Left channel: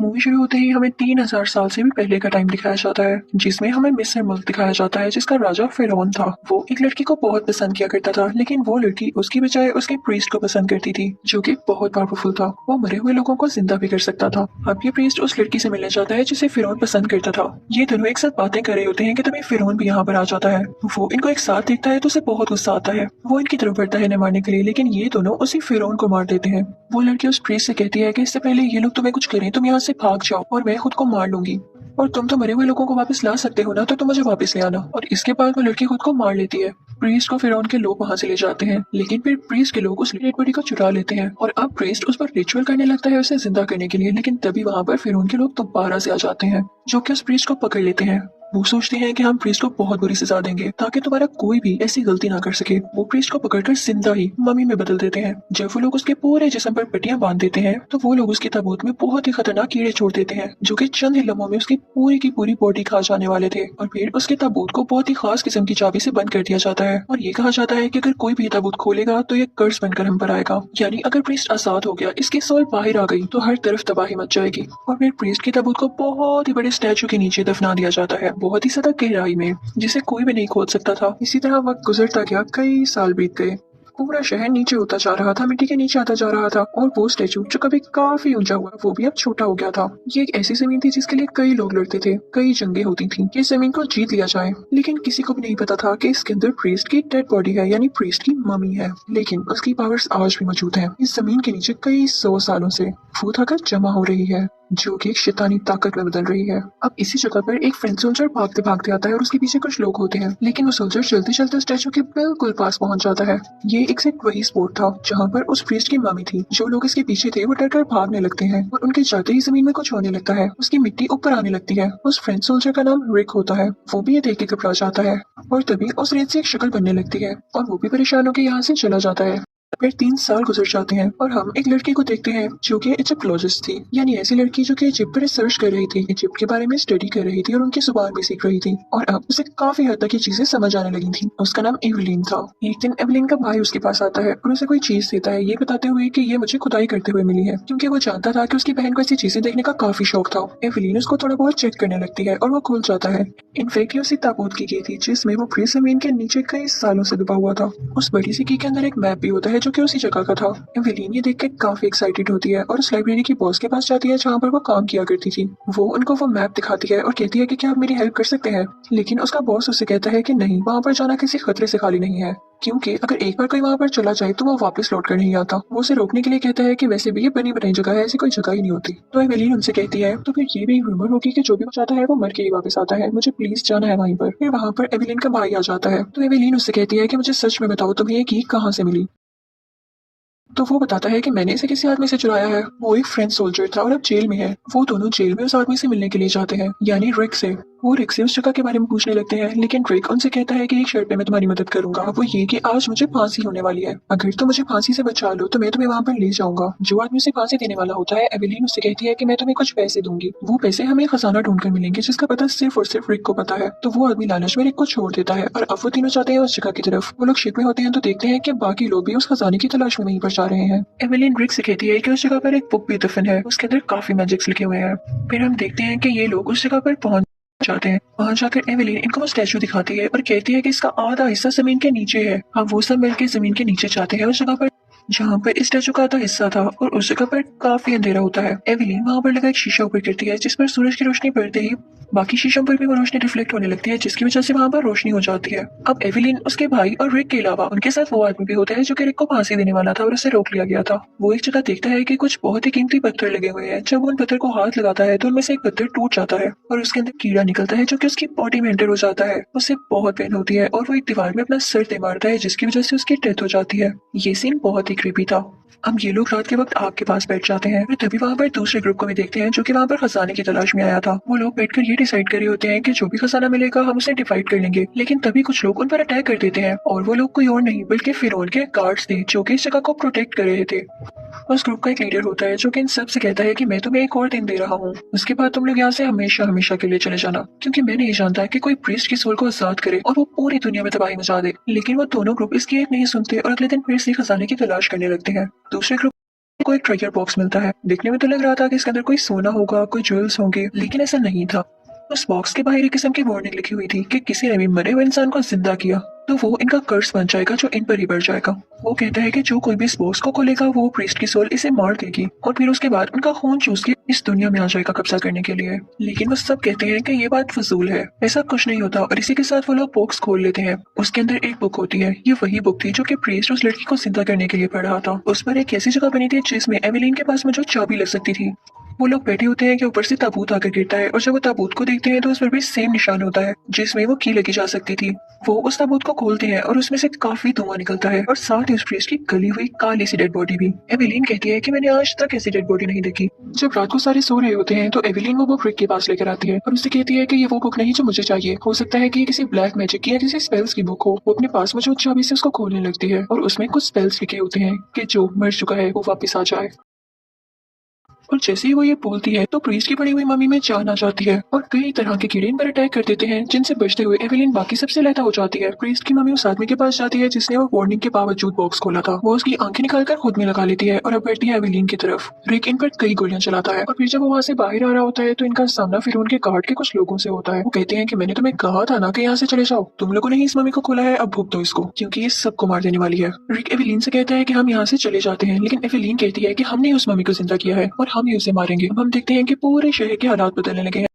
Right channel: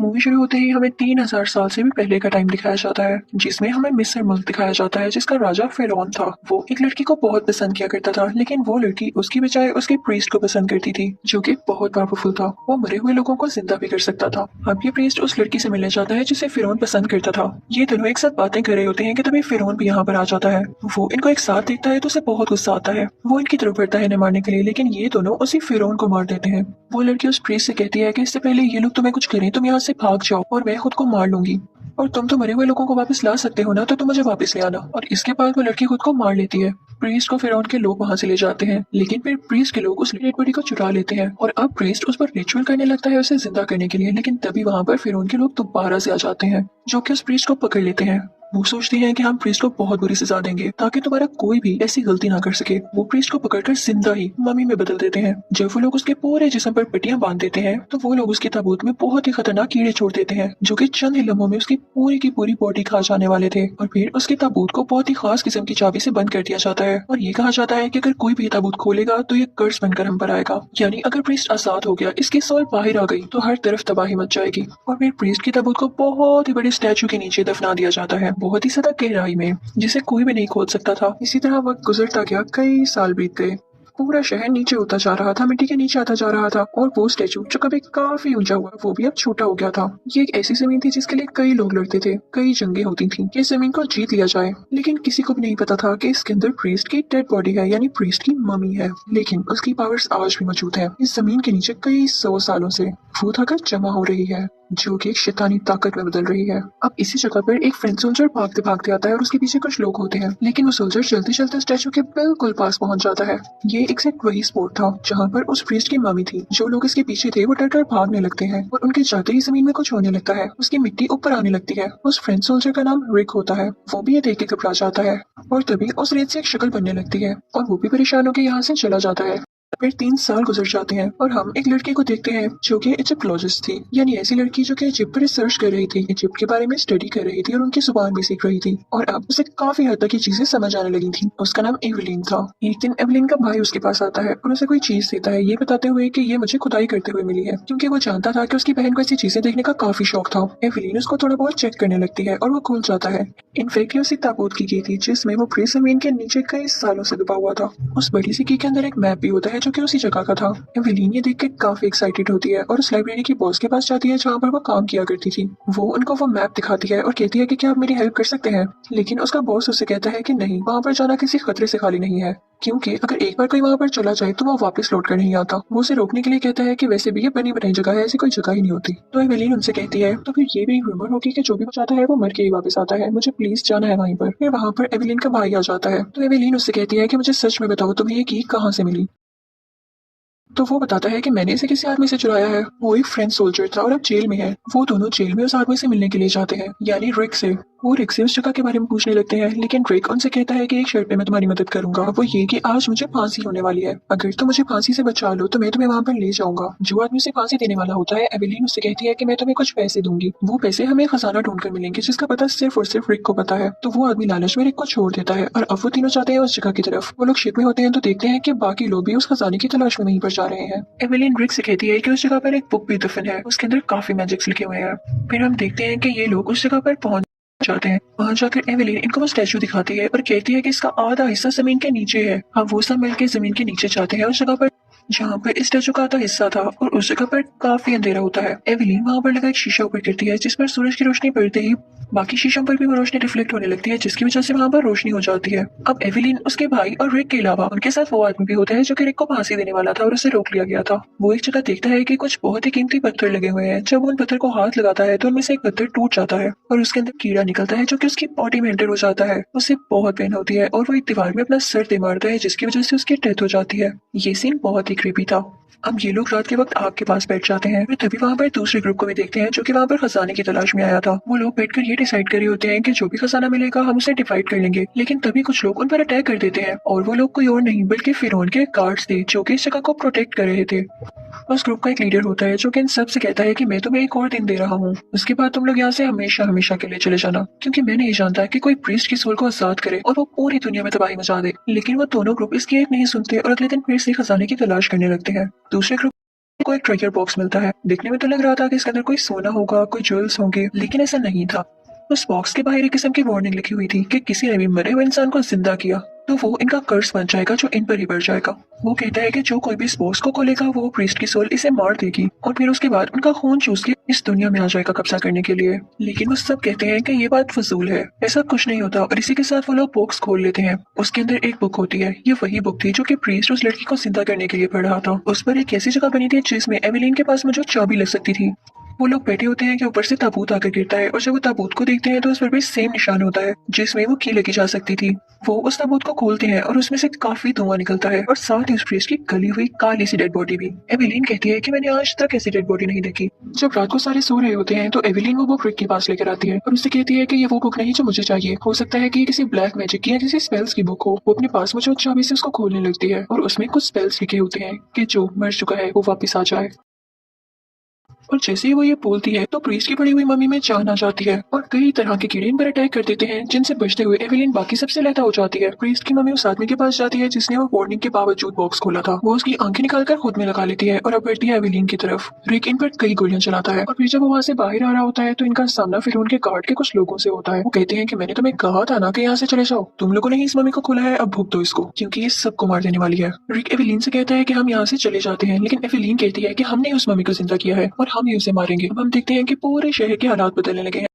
Movie शुरू होते ही हमें 3000 साल से भी पहले का टाइम दिखाया जाता है, जिसमें हमें मिस्र मुल्क दिखाया जाता है, जिसका राजा फिरौन था। वो एक लड़की को बहुत पसंद किया करता था, लेकिन वो लड़की उसकी बजाय उसके प्रीस्ट को पसंद करती थी, जो कि बहुत पावरफुल था। वो मरे हुए लोगों को जिंदा भी कर सकता था। अब ये प्रीस्ट उस लड़की से मिलने जाता है जिसे फिरौन पसंद करता था। ये दोनों एक साथ बातें कर रहे होते हैं कि तभी फिरौन भी यहाँ पर आ जाता है। वो इनको एक साथ देखता है तो उसे बहुत गुस्सा आता है। वो इनकी तरफ बढ़ता है इन्हें मारने के लिए, लेकिन ये दोनों उसी फिरौन को मार देते हैं। वो लड़की उस प्रीस्ट से कहती है कि इससे पहले ये लोग तुम्हें कुछ करें, तुम यहाँ से भाग जाओ और मैं खुद को मार लूंगी। और तुम तो मरे हुए लोगों को वापस ला सकते हो ना, तो तुम मुझे वापस ले आना। और इसके बाद वो लड़की खुद को मार लेती है। प्रीस्ट को फिरौन के लोग वहां से ले जाते हैं, लेकिन फिर प्रीस्ट के लोग उस डेड बॉडी को चुरा लेते हैं और अब प्रीस्ट उस पर रिचुअल करने लगता है उसे जिंदा करने के लिए। लेकिन तभी वहां पर फिरौन के लोग दोबारा से आ जाते हैं, जो कि उस प्रीस्ट को पकड़ लेते हैं। वो सोचते हैं कि हम प्रीस्ट को बहुत बुरी सजा देंगे ताकि तुम्हारा कोई भी ऐसी गलती ना कर सके। वो प्रीस्ट को पकड़कर जिंदा ही मम्मी में बदल देते हैं। जब वो लोग उसके पूरे जिस्म पर पट्टियां बांध देते हैं तो वो लोग उसके ताबूत में बहुत ही खतरनाक कीड़े छोड़ देते हैं, जो कि चंद ही लम्हों में उसकी पूरी की पूरी बॉडी खा जाने वाले थे। और फिर उसके ताबूत को बहुत ही खास किस्म की चाबी से बंद कर दिया जाता है और ये कहा जाता है कि अगर कोई भी ताबूत खोलेगा तो ये कर्ज बनकर हम पर आएगा। यानी अगर प्रीस्ट आजाद हो गया, इसकी सोल बाहर आ गई, तो हर तरफ तबाही मच जाएगी। और फिर प्रीस्ट की ताबूत को बहुत ही बड़े स्टैचू के नीचे दफना दिया जाता है, बहुत ही ज्यादा गहराई में, जिसे कोई भी नहीं खोद सकता था। इसी तरह वक्त गुजरता गया, कई साल बीत गए। पूरा शहर नीचे होता जा रहा था, मिट्टी के नीचे आता जा रहा था। और वो स्टेचू जो कभी काफी ऊंचा हुआ, वो भी अब छोटा हो गया था। ये एक ऐसी जमीन थी जिसके लिए कई लोग लड़ते थे, कई जंगें होती थीं कि इस जमीन को जीत लिया जाए। लेकिन किसी को भी नहीं पता था कि इसके अंदर प्रीस्ट की डेड बॉडी है, यानी प्रीस्ट की मम्मी है। लेकिन उसकी पावर्स आज भी मौजूद है। इस जमीन के नीचे कई 100 सालों से वो ताकत जमा हो रही है, जो कि एक शैतानी ताकत में बदल रही है। अब इसी जगह पर एक फ्रेंच सोल्जर भागते भागते आता है और उसके पीछे कुछ लोग होते हैं, लेकिन वो सोल्जर चलते चलते स्टैचू के बिल्कुल पास पहुंच जाता है। ये एग्जैक्ट वही स्पॉट था जहाँ पर उस प्रीस्ट की मम्मी थी। जो लोग इसके पीछे थे वो डर कर भागने लगते हैं और उनके जाते ही जमीन में कुछ होने लगता है। उसकी मिट्टी ऊपर आने लगती है। उस फ्रेंच सोल्जर का नाम रिक होता है। वो भी ये देख के घबरा जाता है और तभी उस रेत से एक शक्ल बनने लगती है और वो भी परेशान होकर यहाँ से चला जाता है। फिर 3 साल गुजर जाते हैं और हम एक लड़की को देखते हैं जो कि इजिप्टोलॉजिस्ट थी, यानी ऐसी लड़की जो कि इजिप्ट पर रिसर्च कर रही थी, इजिप्ट के बारे में स्टडी कर रही थी और उनकी जुबान भी सीख रही थी। और अब उसे काफी हद तक ये चीजें समझ आने लगी थी। उसका नाम एवलिन था। एक दिन एवलिन का भाई उसके पास आता है और उसे कोई चीज देता है, ये बताते हुए कि ये मुझे खुदाई करते हुए मिली है, क्योंकि वो जानता था कि उसकी बहन को ऐसी चीजें देखने का काफी शौक था। एवलिन उसको थोड़ा बहुत चेक करने लगती है और वो खुल जाता है। इनफैक्ट ये उसी ताबूत की की थी जिसमें वो फ्री जमीन के नीचे कई सालों से दबा हुआ था। उस बड़ी सी की के अंदर एक मैप भी होता है जो कि उसी जगह का था। एवेलिन ये देख के काफी एक्साइटेड होती है और उस लाइब्रेरी की बॉस के पास जाती है जहाँ पर वो काम किया करती थी। वो उनको वो मैप दिखाती है और कहती है कि क्या आप मेरी हेल्प कर सकते हैं। लेकिन उसका बॉस उससे कहता है कि नहीं, वहाँ पर जाना किसी खतरे से खाली नहीं है, क्योंकि अगर एक बार कोई वहाँ पर चला जाए तो वो वापस लौट कर नहीं आता। वो उसे रोकने के लिए कहता है कि वैसे भी ये बनी बनाई जगह है, ऐसी कोई जगह ही नहीं होती। तो एवेलिन उनसे कहती है तो फिर ये भी रूमर होगी कि जो भी जाता है वो मर के ही वापस आता है, मुझे प्लीज जाना है वहीं पर। फिर वहाँ पर एवेलिन का भाई आ जाता है। तो एवेलिन उससे कहती है कि मुझे सच में बताओ तुम्हें ये की कहाँ से मिली। तो वो बताता है कि मैंने इसे किसी आदमी से चुराया है। वो एक फ्रेंच सोल्जर था और अब जेल में है। वो दोनों जेल में उस आदमी से मिलने के लिए जाते हैं, यानी रिक से। वो रिक से उस जगह के बारे में पूछने लगते हैं, लेकिन रिक उनसे कहता है कि एक शर्त पे मैं तुम्हारी मदद करूंगा। वो ये कि आज मुझे फांसी होने वाली है, अगर तुम मुझे फांसी से बचा लो तो मैं तुम्हें वहां पर ले जाऊंगा। जो आदमी उसे फांसी देने वाला होता है, एवेलिन उससे कहती है कि मैं तुम्हें कुछ पैसे दूंगी। वो पैसे हमें खजाना ढूंढ कर मिलेंगे जिसका पता सिर्फ और सिर्फ रिक को पता है। तो वो आदमी लालच में रिक को छोड़ देता है और अब वो तीनों जाते हैं उस जगह की तरफ। वो लोग शिप में होते हैं तो देखते हैं कि बाकी लोग भी उस खजाने की तलाश में वहीं पर जा रहे हैं। एवेलिन रिक से कहती है कि उस जगह पर एक बुक भी दफन है, उसके अंदर काफी मैजिक्स लिखे हुए हैं। फिर हम देखते हैं कि ये लोग उस जगह पर पहुंच जाते हैं। वहां जाकर एवेलिन इनको वो स्टैचू दिखाती है और कहती है कि इसका आधा हिस्सा जमीन के नीचे है। हम वो सब मिलकर जमीन के नीचे जाते हैं उस जगह पर जहाँ पर इस स्टैचू का आधा हिस्सा था और उस जगह पर काफी अंधेरा होता है। एवेलिन वहां पर लगा एक शीशा ऊपर गिरती है, जिस पर सूरज की रोशनी पड़ते ही बाकी शीशों पर भी वो रोशनी रिफ्लेक्ट होने लगती है, जिसकी वजह से वहां पर रोशनी हो जाती है। अब एवेलिन, उसके भाई और रिक के अलावा उनके साथ वो आदमी भी होता है जो कि रिक को फांसी देने वाला था और उसे रोक लिया गया था। वो एक जगह देखता है कि कुछ बहुत ही कीमती पत्थर लगे हुए हैं। जब वो उन पत्थर को हाथ लगाता है तो उनमें से एक पत्थर टूट जाता है और उसके अंदर कीड़ा निकलता है जो कि उसकी बॉडी में एंटर हो जाता है। उसे बहुत पेन होती है और वो एक दीवार में अपना सर दे मारता है, जिसकी वजह से उसकी डेथ हो जाती है। ये सीन बहुत ही क्रीपी था। अब ये लोग रात के वक्त आग के पास बैठ जाते हैं। फिर तभी वहां पर दूसरे ग्रुप को भी देखते हैं जो कि वहां पर खजाने की तलाश में आया था। वो लोग बैठकर ये डिसाइड कर रहे होते हैं कि जो भी खजाना मिलेगा हम उसे डिवाइड कर लेंगे। लेकिन तभी कुछ लोग उन पर अटैक कर देते हैं और वो लोग कोई और नहीं बल्कि फिरौन के गार्ड्स थे जो कि इस जगह को प्रोटेक्ट कर रहे थे। उस ग्रुप का एक लीडर होता है जो कि इन सब से कहता है कि मैं तुम्हें एक और दिन दे रहा हूँ, उसके बाद तुम लोग यहाँ से हमेशा हमेशा के लिए चले जाना, क्योंकि मैं नहीं जानता कि कोई प्रीस्ट की सोल को आजाद करे और वो पूरी दुनिया में तबाही मचा दे। लेकिन वो दोनों ग्रुप इसकी एक नहीं सुनते और अगले दिन फिर से खजाने की तलाश करने लगते हैं। दूसरे ग्रुप को एक ट्रेजर बॉक्स मिलता है। देखने में तो लग रहा था कि इसके अंदर कोई सोना होगा, कोई ज्वेल्स होंगे, लेकिन ऐसा नहीं था। उस बॉक्स के बाहर एक किस्म की वार्निंग लिखी हुई थी कि किसी ने भी मरे हुए इंसान को जिंदा किया तो वो इनका कर्स बन जाएगा जो इन पर ही बढ़ जाएगा। वो कहता है कि जो कोई भी इस बॉक्स को खोलेगा वो प्रीस्ट की सोल इसे मार देगी और फिर उसके बाद उनका खून चूस के इस दुनिया में आ जाएगा कब्जा करने के लिए। लेकिन वो सब कहते हैं कि ये बात फजूल है, ऐसा कुछ नहीं होता और इसी के साथ वो लोग बॉक्स खोल लेते हैं। उसके अंदर एक बुक होती है। ये वही बुक थी जो कि प्रीस्ट उस लड़की को जिंदा करने के लिए पढ़ रहा था। उस पर एक ऐसी जगह बनी थी जिसमें एवेलिन के पास में जो चाबी लग सकती थी। वो लोग बैठे होते हैं कि ऊपर से ताबूत आकर गिरता है और जब वो ताबूत को देखते हैं तो उस पर भी सेम निशान होता है जिसमें वो की लगी जा सकती थी। वो उस ताबूत को खोलते हैं और उसमें से काफी धुआं निकलता है और साथ ही उस प्रीस्ट की गली हुई काली सी डेड बॉडी भी। एवेलिन कहती है कि मैंने आज तक ऐसी डेड बॉडी नहीं देखी। जब रात को सारे सो रहे होते हैं तो एवेलिन वो बुक रिक के पास लेकर आती है और उससे कहती है कि ये वो बुक नहीं जो मुझे चाहिए। हो सकता है कि ये किसी ब्लैक मैजिक की या किसी स्पेल्स की बुक हो। वो अपने पास में जो चाबी से उसको खोलने लगती है और उसमें कुछ स्पेल्स लिखे होते हैं कि जो मर चुका है वो वापस आ जाए। और जैसे ही वो ये बोलती है तो प्रीस्ट की पड़ी हुई मम्मी में जान आ जाती है और कई तरह के कीड़े इन पर अटैक कर देते हैं जिनसे बचते हुए एवेलिन बाकी सबसे लहता हो जाती है। प्रीस्ट की मम्मी उस आदमी के पास जाती है जिसने वो वार्निंग के बावजूद बॉक्स खोला था। वो उसकी आंखें निकालकर खुद में लगा लेती है और अब बढ़ती है एवेलिन की तरफ। रिक इन पर कई गोलियां चलाता है और फिर जब वो वहाँ से बाहर आ रहा होता है तो इनका सामना फिर उनके गार्ड के कुछ लोगों से होता है। वो कहते हैं कि मैंने तुम्हें कहा था ना कि यहाँ से चले जाओ, तुम लोगों ने ही इस मम्मी को खोला है, अब भुगतो दो इसको क्योंकि ये सबको मार देने वाली है। रिक एवेलिन से कहता है कि हम यहाँ से चले जाते हैं लेकिन एवेलिन कहती है कि हमने उस मम्मी को जिंदा किया है और हम ही उसे मारेंगे। अब हम देखते हैं कि पूरे शहर के हालात बदलने लगे हैं।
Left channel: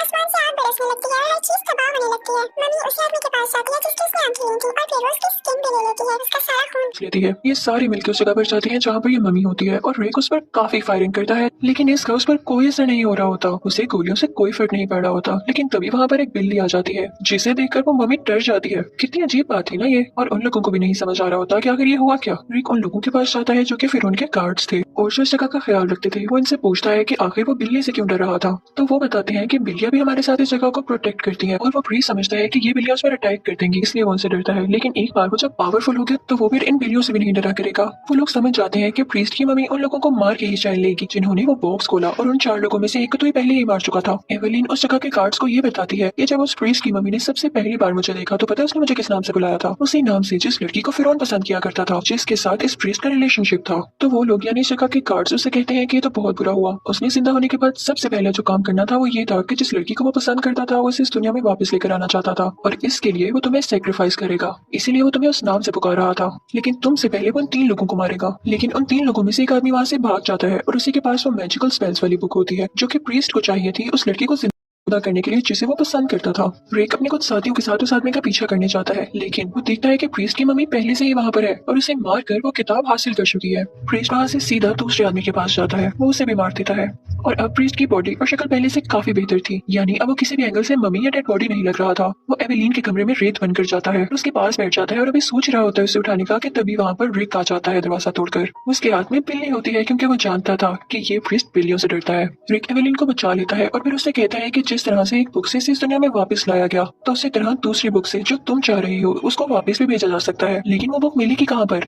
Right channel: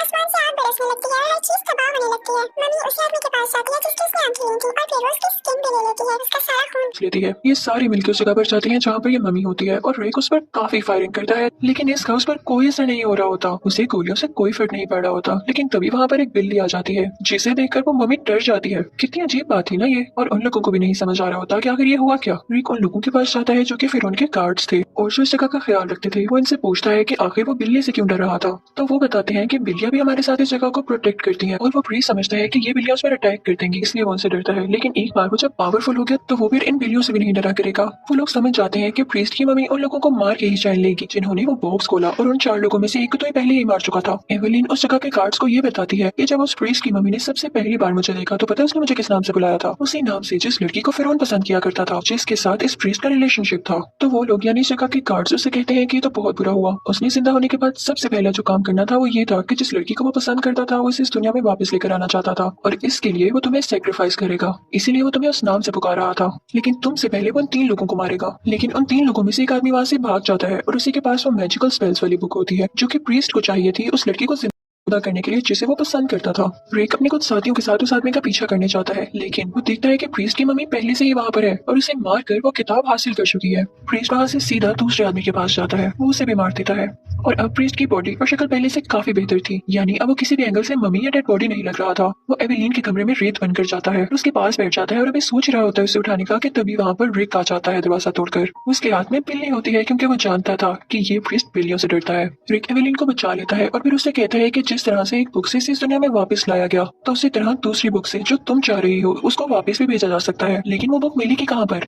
आसमान से आग बरसने लगती है और हर चीज तबाह होने लगती है। मम्मी उस आदमी के पास जाती है जिसकी उसने आंखें ली थी और फिर वो उसकी स्किन भी ले लेती है, उसका सारा खून लेती है। ये सारी मिलकर उस जगह पर जाती हैं जहाँ पर ये मम्मी होती है और रेक उस पर काफी फायरिंग करता है लेकिन इसका उस पर कोई असर नहीं हो रहा होता। उसे गोलियों से कोई फर्क नहीं पड़ रहा होता। लेकिन तभी वहाँ पर एक बिल्ली आ जाती है जिसे देखकर वो मम्मी डर जाती है। कितनी अजीब बात थी ना ये। और उन लोगों को भी नहीं समझ आ रहा होता कि आखिर ये हुआ क्या। रेक उन लोगों के पास जाता है जो कि फिर उनके गार्ड्स थे और जो इस जगह का ख्याल रखते थे। वो इनसे पूछता है कि आखिर वो बिल्ली से क्यों डर रहा था। तो वो बताते हैं कि बिल्लियां भी हमारे साथ इस जगह को प्रोटेक्ट करती है और वो भी समझता है कि ये बिल्लियां उस पर अटैक कर देंगी इसलिए वो उनसे डरता है। लेकिन एक बार वो जब पावरफुल हो गया तो वो फिर इन बिल्लियों से भी नहीं डरा करेगा। वो लोग समझ जाते हैं कि प्रीस्ट की मम्मी उन लोगों को मार के ही चैन लेगी जिन्होंने वो बॉक्स खोला और उन 4 लोगों में से एक को तो ये पहले ही मार चुका था। एवेलिन उस जगह के गार्ड्स को ये बताती है कि जब उस प्रीस्ट की मम्मी ने सबसे पहली बार मुझे देखा तो पता है उसने मुझे किस नाम से बुलाया था। उसी नाम से जिस लड़की को फिरौन पसंद किया करता था, जिसके साथ इस प्रीस्ट का रिलेशनशिप था। तो वो लोग यानी इस जगह के गार्ड्स उसे कहते हैं कि ये तो बहुत बुरा हुआ। उसने जिंदा होने के बाद सबसे पहला जो काम करना था वो ये था कि जिस लड़की को वो पसंद करता था वो इस दुनिया में वापस लेकर आना चाहता था और इसके लिए वो तुम्हें सेक्रीफाइस करेगा। इसीलिए वो तुम्हें उस नाम से पुकार रहा था। लेकिन तुमसे पहले वो उन 3 लोगों को मारेगा। लेकिन उन 3 लोगों में से एक आदमी वहाँ से भाग जाता है और उसी के पास वो मैजिकल स्पेल्स वाली बुक होती है जो कि प्रीस्ट को चाहिए थी उस लड़की को जिंदा करने के लिए जिसे वो पसंद करता था। रेक अपने कुछ साथियों के साथ उस आदमी का पीछा करने जाता है लेकिन वो देखता है कि प्रीस्ट की मम्मी पहले से ही वहाँ पर है और उसे मारकर वो किताब हासिल कर चुकी है। प्रीस्ट वहाँ से सीधा दूसरे आदमी के पास जाता है, वो उसे भी मार देता है और अब प्रीस्ट की बॉडी और शक्ल पहले से काफी बेहतर थी। यानी अब वो किसी भी एंगल से मम्मी या डेड बॉडी नहीं लग रहा था। वो एवेलिन के कमरे में रेत बनकर जाता है, उसके पास बैठ जाता है और अभी सोच रहा होता है उसे उठाने का कि तभी वहाँ पर रिक आ जाता है दरवाजा तोड़कर। उसके हाथ में बिल्ली होती है क्योंकि वो जानता था कि ये प्रीस्ट बिल्लियों से डरता है। रिक एवेलिन को बचा लेता है और फिर उसे कहता है कि जिस तरह से एक बुक से इस दुनिया में वापस लाया गया तो उसी तरह दूसरी बुक से जो तुम चाह रही हो उसको वापस भी भेजा जा सकता है। लेकिन वो बुक मिलेगी कहाँ पर।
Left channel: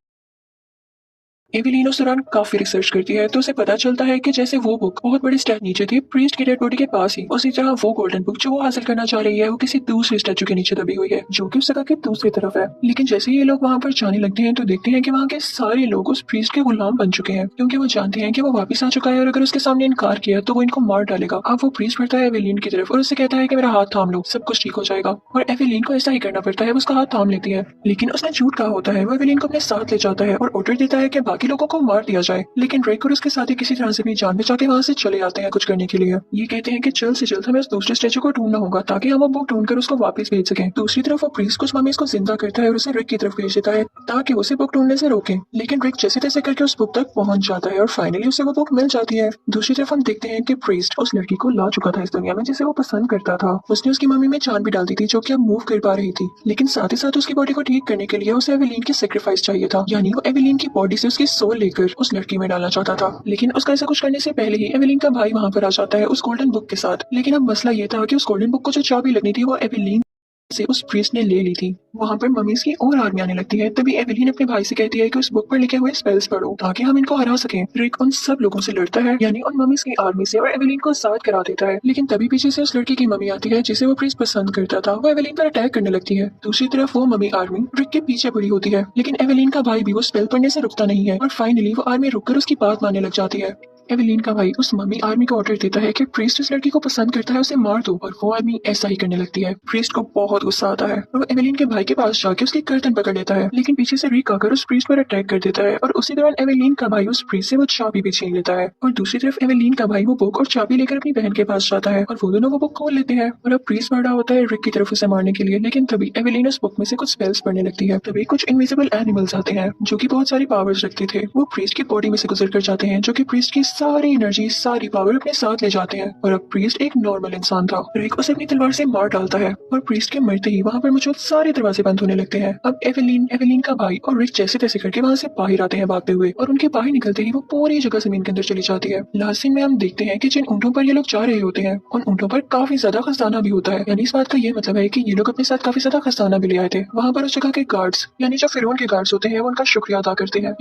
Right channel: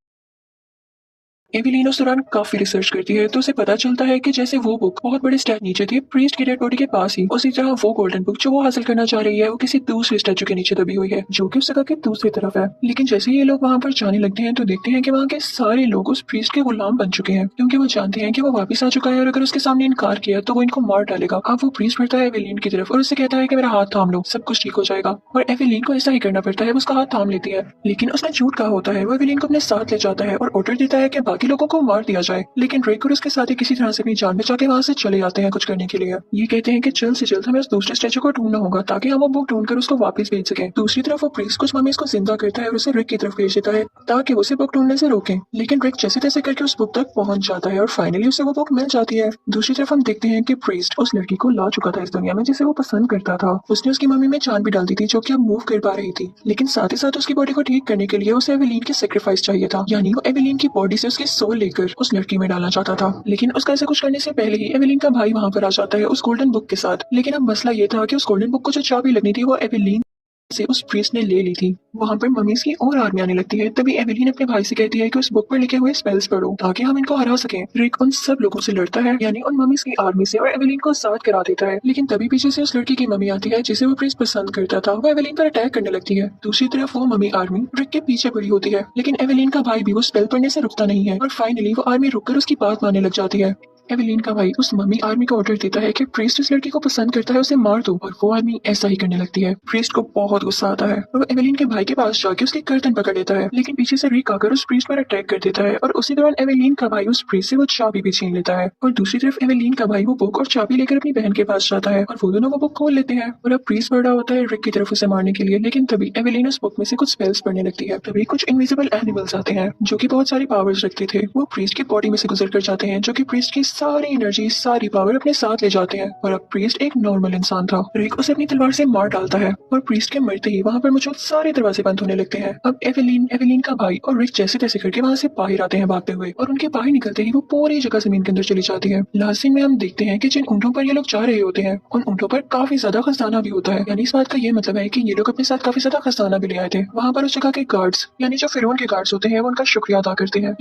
एवेलिन उस दौरान काफी रिसर्च करती है तो उसे पता चलता है कि जैसे वो बुक बहुत बड़े स्टेप नीचे थी प्रीस्ट की डेड बॉडी के पास ही, उसी तरह वो गोल्डन बुक जो वो हासिल करना चाह रही है वो किसी दूसरे स्टैचू के नीचे दबी हुई है जो कि उस जगह की दूसरी तरफ है। लेकिन जैसे ये लोग वहाँ पर जाने लगते हैं तो देखते हैं कि वहाँ के सारे लोग उस प्रीस्ट के गुलाम बन चुके हैं क्योंकि वो जानते हैं कि वो वापस आ चुका है और अगर उसके सामने इनकार किया तो वो इनको मार डालेगा। अब वो प्रीस्ट बढ़ता है एवेलिन की तरफ और उससे कहता है कि मेरा हाथ थाम लो, सब कुछ ठीक हो जाएगा। और एवेलिन को ऐसा ही करना पड़ता है, वो उसका हाथ थाम लेती है। लेकिन उसने झूठ कहा होता है। वो एवेलिन को अपने साथ ले जाता है और ऑर्डर देता है कि बाकी लोगों को मार दिया जाए। लेकिन रेक और उसके साथी किसी तरह से अपनी जान बचा के वहाँ से चले जाते हैं कुछ करने के लिए। ये कहते हैं कि जल्द से जल्द हमें उस दूसरे स्टैचू को ढूंढना होगा ताकि हम वो बुक ढूंढकर उसको वापस भेज सकें। दूसरी तरफ वो प्रीस्ट कुछ मम्मी को जिंदा करता है और उसे रिक की तरफ भेज देता है ताकि उसे बुक ढूंढने से रोके। लेकिन रिक जैसे तैसे करके उस बुक तक पहुंच जाता है और फाइनली उसे वो बुक मिल जाती है। दूसरी तरफ हम देखते हैं कि प्रीस्ट उस लड़की को ला चुका था इस दुनिया में जिसे वो पसंद करता था। उसने उसकी मम्मी में जान भी डाल दी थी जो कि अब मूव कर पा रही थी। लेकिन साथ ही साथ उसकी बॉडी को ठीक करने के लिए उसे एवेलिन की सेक्रीफाइस चाहिए था। यानी वो एवेलिन की बॉडी से उसकी सोल लेकर उस लड़की में डालना चाहता था। लेकिन उसका ऐसा कुछ करने से पहले ही एवेलिन का भाई वहाँ पर आ जाता है उस गोल्डन बुक के साथ। लेकिन अब मसला ये था कि उस गोल्डन बुक को जो चाबी लगनी थी वो एवेलिन से उस प्रीस्ट ने ले ली थी। वहाँ पर मम्मीज की और आर्मी आने लगती है। तभी एवेलिन अपने भाई से कहती है कि उस बुक पर लिखे हुए स्पेल्स पढ़ो ताकि हम इनको हरा सकें। रिक उन सब लोगों से लड़ता है, यानी उन मम्मीज की आर्मी से, और एवेलिन को साथ करा देता है। लेकिन तभी पीछे से उस लड़की की मम्मी आती है जिसे वो प्रीस्ट पसंद करता था। वो एवेलिन पर अटैक करने लगती है। दूसरी तरफ वो मम्मी आर्मी रिक के पीछे पड़ी होती है, लेकिन एवेलिन का भाई भी वो स्पेल पढ़ने से रुकता नहीं है और फाइनली वो आर्मी रुककर उसकी बात मानने लग जाती है। एवेलिन का भाई उस मम्मी आर्मी को ऑर्डर देता है कि प्रीस्ट इस लड़की को पसंद करता है, उसे मार दो, और वो आर्मी ऐसा ही करने लगती है। प्रीस्ट को बहुत गुस्सा आता है और वो एवेलिन के भाई के पास जाके उसकी गर्दन पकड़ लेता है, लेकिन पीछे से रिक आकर उस प्रीस्ट पर अटैक कर देता है और उसी दौरान एवेलिन का भाई उस प्रीस्ट से वो चाबी भी छीन लेता है। और दूसरी तरफ एवेलिन का भाई वो बुक और चाबी लेकर अपनी बहन के पास जाता है और वो दोनों वो बुक खोल लेते हैं। और अब प्रीस्ट बढ़ रहा होता है रिक की तरफ उसे मारने के लिए, लेकिन तभी एवेलिन उस बुक में से कुछ स्पेल्स पढ़ने लगती है। तभी कुछ इनविजिबल एनिमल्स आते हैं जो कि बहुत सारी पावर्स रखते थे। वो प्रीस्ट की बॉडी में से गुजर कर जाते हैं, जो कि प्रीस्ट की सारी एनर्जी, सारी पावर अपने साथ ले जाते हैं। और अब प्रीस्ट एक नॉर्मल इंसान था। रिक उसे अपनी तलवार से मार डालता है और प्रीस्ट के मरते ही वहाँ पर मौजूद सारे दरवाजे बंद होने लगते हैं। अब एवेलिन का भाई और रिक जैसे तैसे करके वहाँ से बाहर आते हैं भागते हुए, और उनके बाहर निकलते ही वो पूरी जगह जमीन के अंदर चली जाती है। लास्ट सीन में हम देखते हैं कि जिन ऊँटों पर ये लोग जा रहे होते हैं उन ऊँटों पर काफी ज्यादा खजाना भी होता है। यानी इस बात का ये मतलब है कि ये लोग अपने साथ काफी ज्यादा खजाना भी ले आए थे। वहाँ पर उस जगह के गार्ड्स, यानी जो फिरौन के गार्ड्स होते हैं, वो उनका शुक्रिया अदा करते हैं।